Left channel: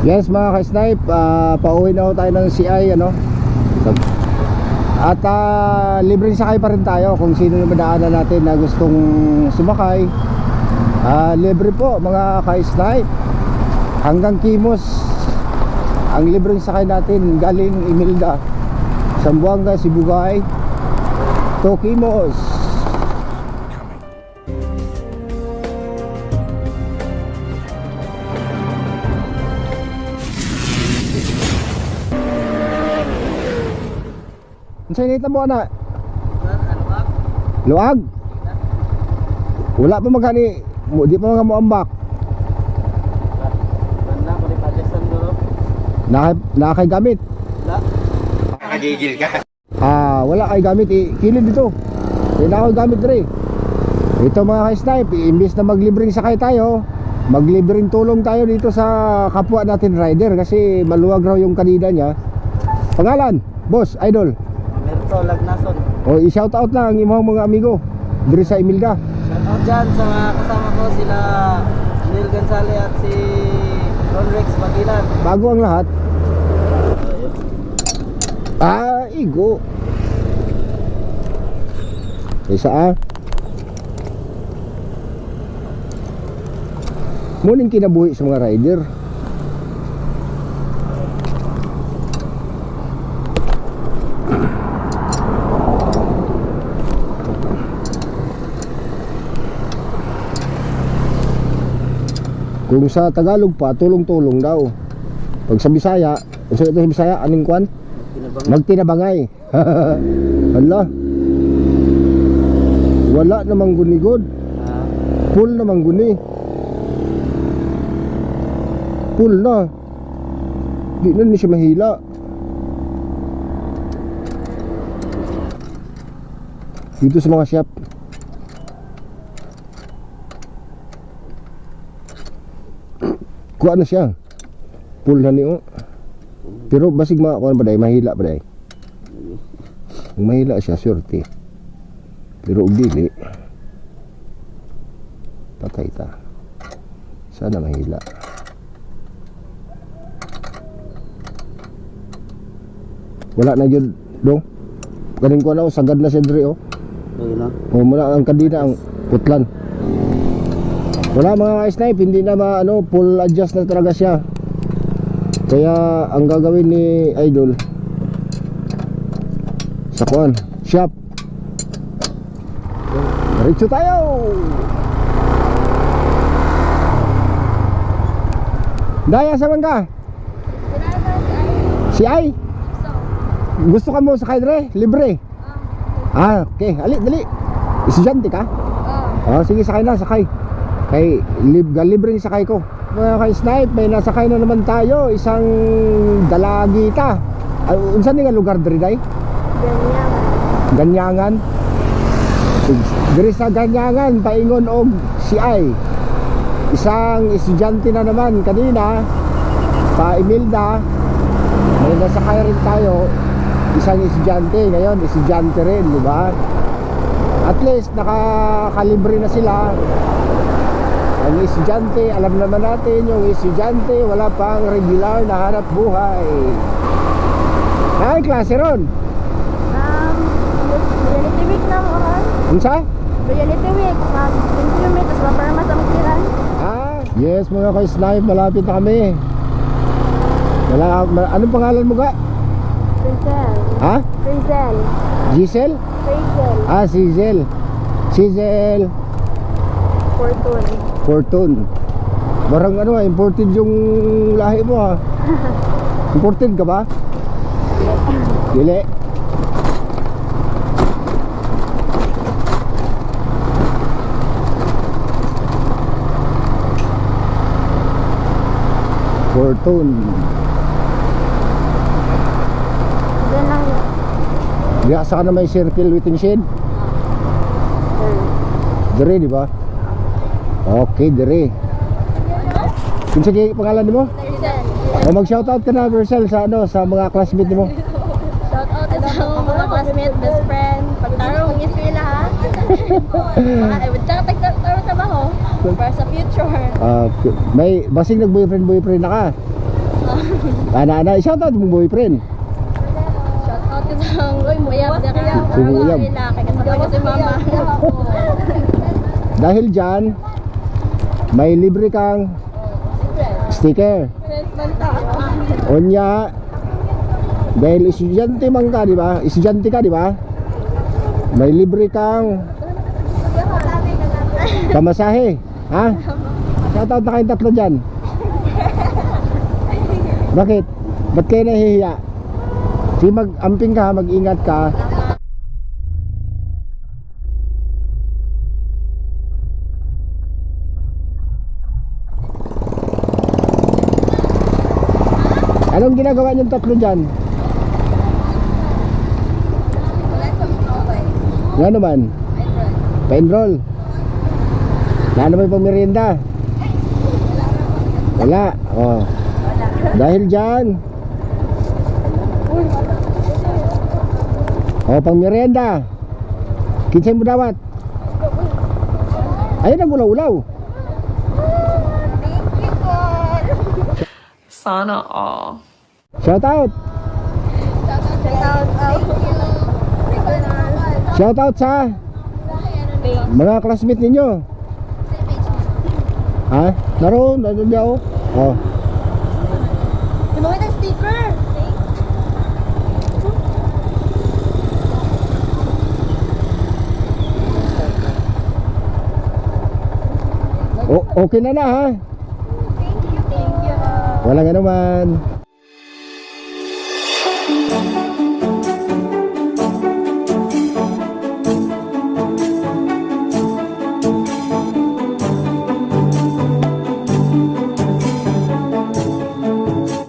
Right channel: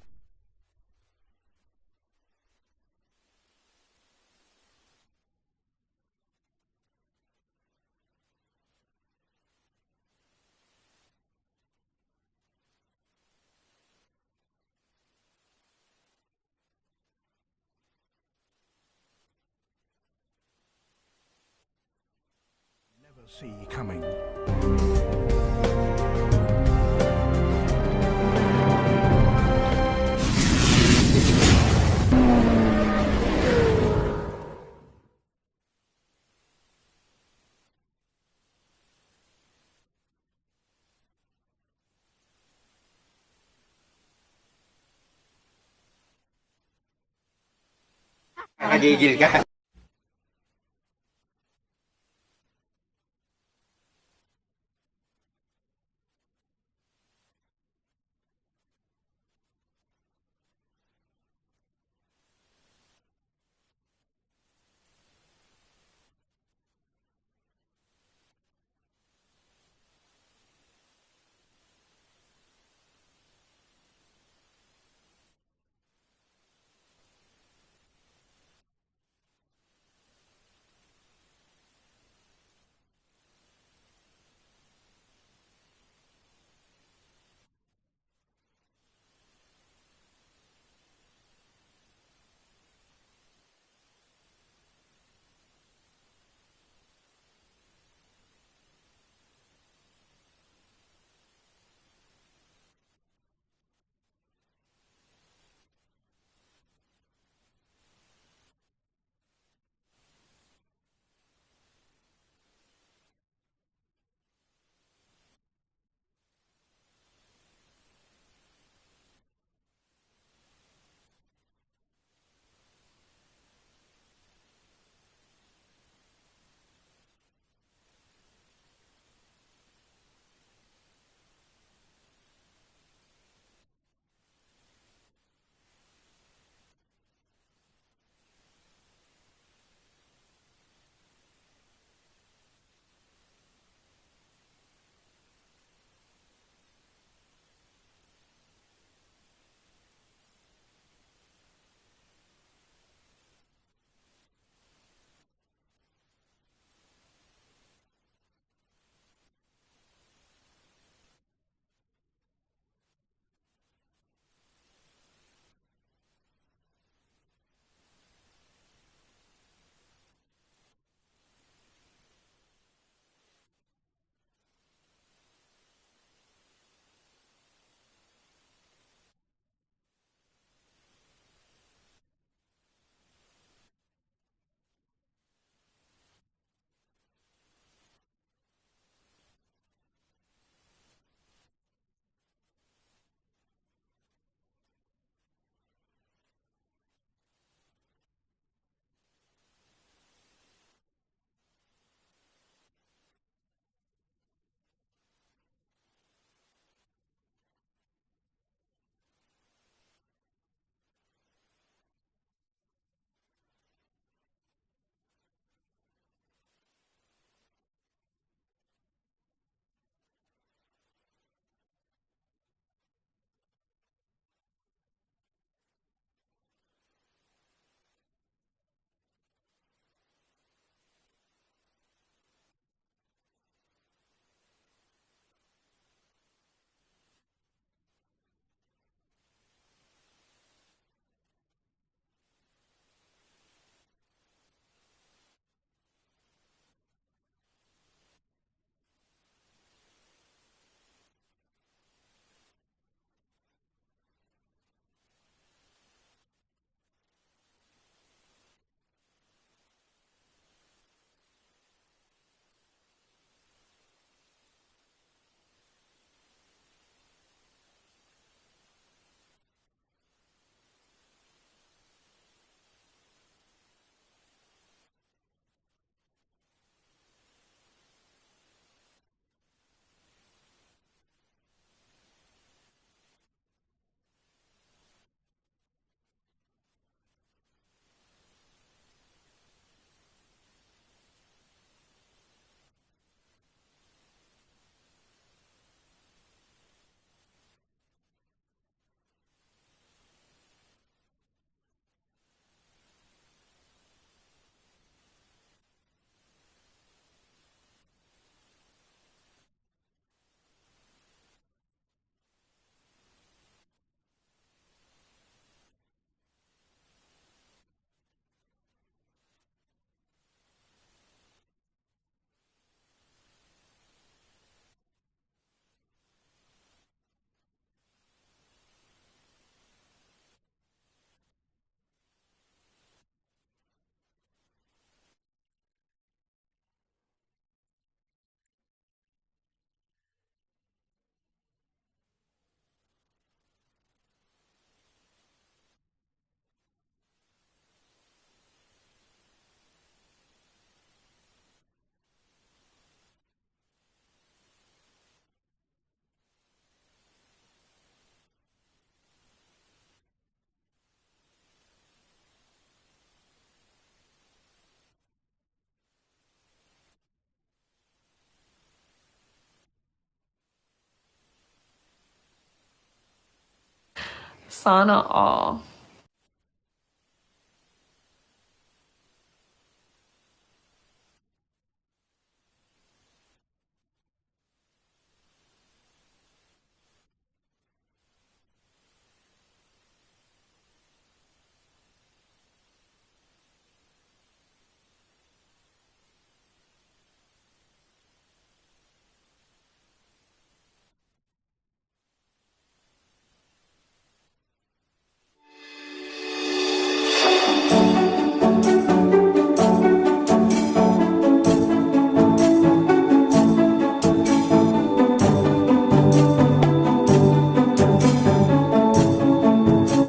Yes mga ka-snipe, pauwi na ho tayo ng CI ano. At libreng sakay pa rin tayo kung sino yung madaanan natin na gustong sumakay. Libre po mga ka-snipe. Hanggang Kimos ang libreng sakay natin galing Imelda, Zamboanga, Sibugay to Kimos. Ang sinita mo na? Luag? Wala pa magani, di pa mga muambak. Nakakay gamit? Nakagigil ka? Wala kay gamit, kilid dito. Hindi na ako gamit rin. Ito mga ka-snipe, imbis na maglibreng sakay tayo, maglibreng tulong tayo dito sa kapwa natin rider. Kasi maluwag raw yung kanina niya. Pangalan, boss, idol Merto Lagnason. O i-shout out lang ang imong mga amigo diri sa Imelda. Shout out dyan sa mga kasama ko, sila Neil Gonzalez at si Ron Rex Bagilan. Bago ang lahat. Igo. Isa muning kinabuhi sa mga rider. Kung sa Tagalog pa, tulong-tulong daw. Pag sa Bisaya, sa Bisaya, aning kwan? Magtinabangay. Hala. Wala namang gunigod. Full namang guni. Full na. Di na siya mahila. Dito sa mga shop. Kuha na siya. Full na niyo. Pero basig kuha ba day, mahila ba day? Kung mahila siya, surety. Pero ug dili, patay ta. Sana mahila. Wala na yun dong. Kaning ko na sagad na siya diri oh. O muna ang kadina ang putlan. Wala mga snipe, hindi na full adjust na talaga siya. Kaya ang gagawin ni idol sa kuan shop, diretso tayo. Daya sa mangga si ay gusto ka mo sakay dre libre. Okay, dali. Estudyante ka? Sige, sakay na, sakay. Kay libre yung sakay ko. Mga ka-snipe, may nasakay na naman tayo. Isang dalagita. Unsan nga lugar diri day? Ganyangan. Diri sa Ganyangan, paingon og CI. Isang estudyante na naman kanina pa Imelda. May nasakay rin tayo. Isang estudyante, ngayon estudyante rin, di ba? At least nakakalibre na sila. Ang estudyante, alam naman natin yung estudyante wala pang regular na hanap buhay. Ay, klase ron? Reality week na mo kan? Unsa? Reality week, 20 minutes, maparma sa magkiran. Yes mga ka-snipe, malapit na kami. Anong pangalan mo ga? Frizel. Ha? Frizel. Giselle? Frizel. Sizel Fortune. Barang imported yung lahi mo ha. Imported ka ba? Dili. Fortune. Diyan lang yun. Diya sa na may circle waiting shed. Dire di ba? Okay, dire. Kung sige pangalan mo? Frizel. Mag-shoutout ka na Marcel sa sa mga classmate mo. Shout out sa mga classmate, best friend. Pagtarong ng eskwela ha. Tagtaro trabaho para sa future. May basing nag-boyfriend na ka. Ana, shoutout mong boyfriend. Shoutout ko sa uyab dira. Si Uyab. Kay kasama si mama. Dahil dyan, may libre kang sticker. Onya, dahil estudyante man ka, di ba? Estudyante ka, di ba? May libre kang pamasahe. Ha? Shoutout na kayong tatlo dyan. Bakit? Ba't kayo nahihiya? Sige, mag-amping ka, mag-ingat ka. Anong ginagawa niyong tatlo dyan? Nga naman? Pa-enroll. Wala naman pang merienda. Wala. Oh. Dahil dyan, pang merienda. Kinsay mo dawat? Ayun ang ulaw-ulaw. Sana all. Shout out. Shout out sa mga classmate ninyo. Ha? Naroon daw. Oh. Ginawa ng sticker. Okay na ha. Thank you. Walang ano man.